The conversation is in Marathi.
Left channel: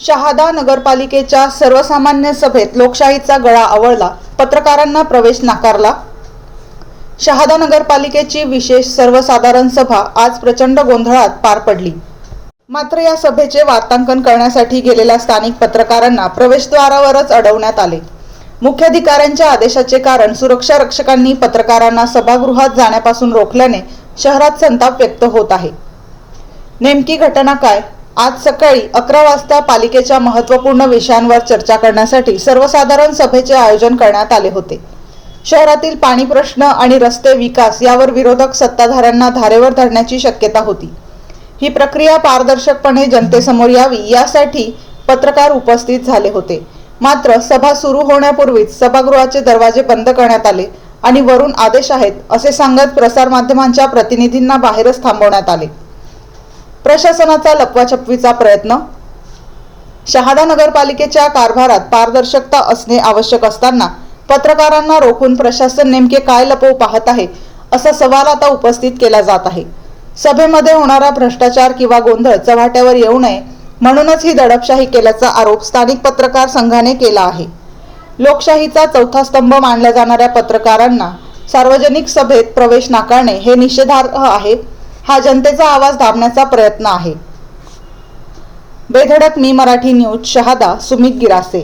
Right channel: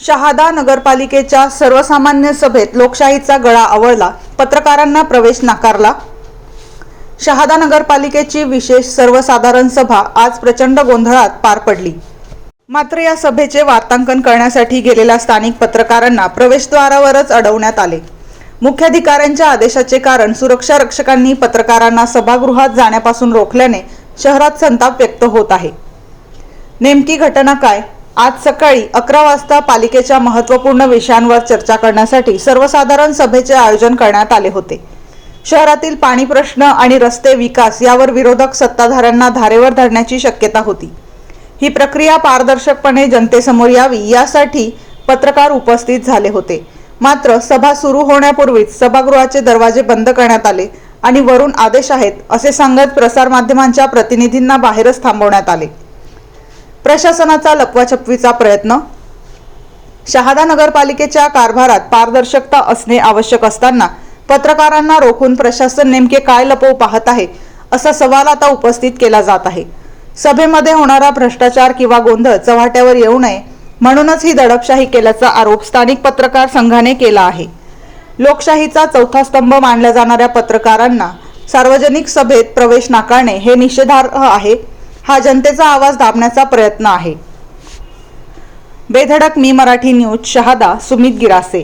शहादा नगरपालिकेच्या सर्वसामान्य सभेत लोकशाहीचा गळा आवळला, पत्रकारांना प्रवेश नाकारला। शहादा नगरपालिकेची विशेष सर्वसाधारण सभा आज प्रचंड गोंधळात पार पडली। मात्र या सभेचे वार्तांकन करण्यासाठी गेलेल्या स्थानिक पत्रकारांना प्रवेशद्वारावरच अडवण्यात आले। मुख्याधिकाऱ्यांच्या आदेशाचे कारण सुरक्षा रक्षकांनी पत्रकारांना सभागृहात जाण्यापासून रोखल्याने शहरात संताप व्यक्त होत आहे। नेमकी घटना काय? आज सकाळी 11 वाजता पालिकेच्या महत्त्वपूर्ण विषयांवर चर्चा करण्यासाठी सर्वसाधारण सभेचे आयोजन करण्यात आले होते। शहरातील पाणी प्रश्न आणि रस्ते विकास यावर विरोधक सत्ताधाऱ्यांना धारेवर धरण्याची शक्यता होती। ही प्रक्रिया पारदर्शकपणे जनतेसमोर यावी यासाठी पत्रकार उपस्थित झाले होते। मात्र सभा सुरू होण्यापूर्वीच सभागृहाचे दरवाजे बंद करण्यात आले आणि वरून आदेश आहेत असे सांगत प्रसारमाध्यमांच्या प्रतिनिधींना बाहेरच थांबवण्यात आले। प्रशासनाचा लपवाछपवीचा प्रयत्न। शहादा नगरपालिकेच्या कारभारात पारदर्शकता असणे आवश्यक असताना पत्रकारांना रोखून प्रशासन नेमके काय लपवू पाहत आहे असा सवाल आता उपस्थित केला जात आहे। सभेमध्ये होणारा भ्रष्टाचार किंवा गोंधळ चव्हाट्यावर येऊ नये म्हणूनच ही दडपशाही केल्याचा आरोप स्थानिक पत्रकार संघाने केला आहे। लोकशाहीचा चौथा स्तंभ मानल्या जाणाऱ्या पत्रकारांना सार्वजनिक सभेत प्रवेश नाकारणे हे निषेधार्ह आहे। हा जनतेचा आवाज दाबण्याचा प्रयत्न आहे। बेधडक मी मराठी न्यूज, शहादा, सुमित गिरासे।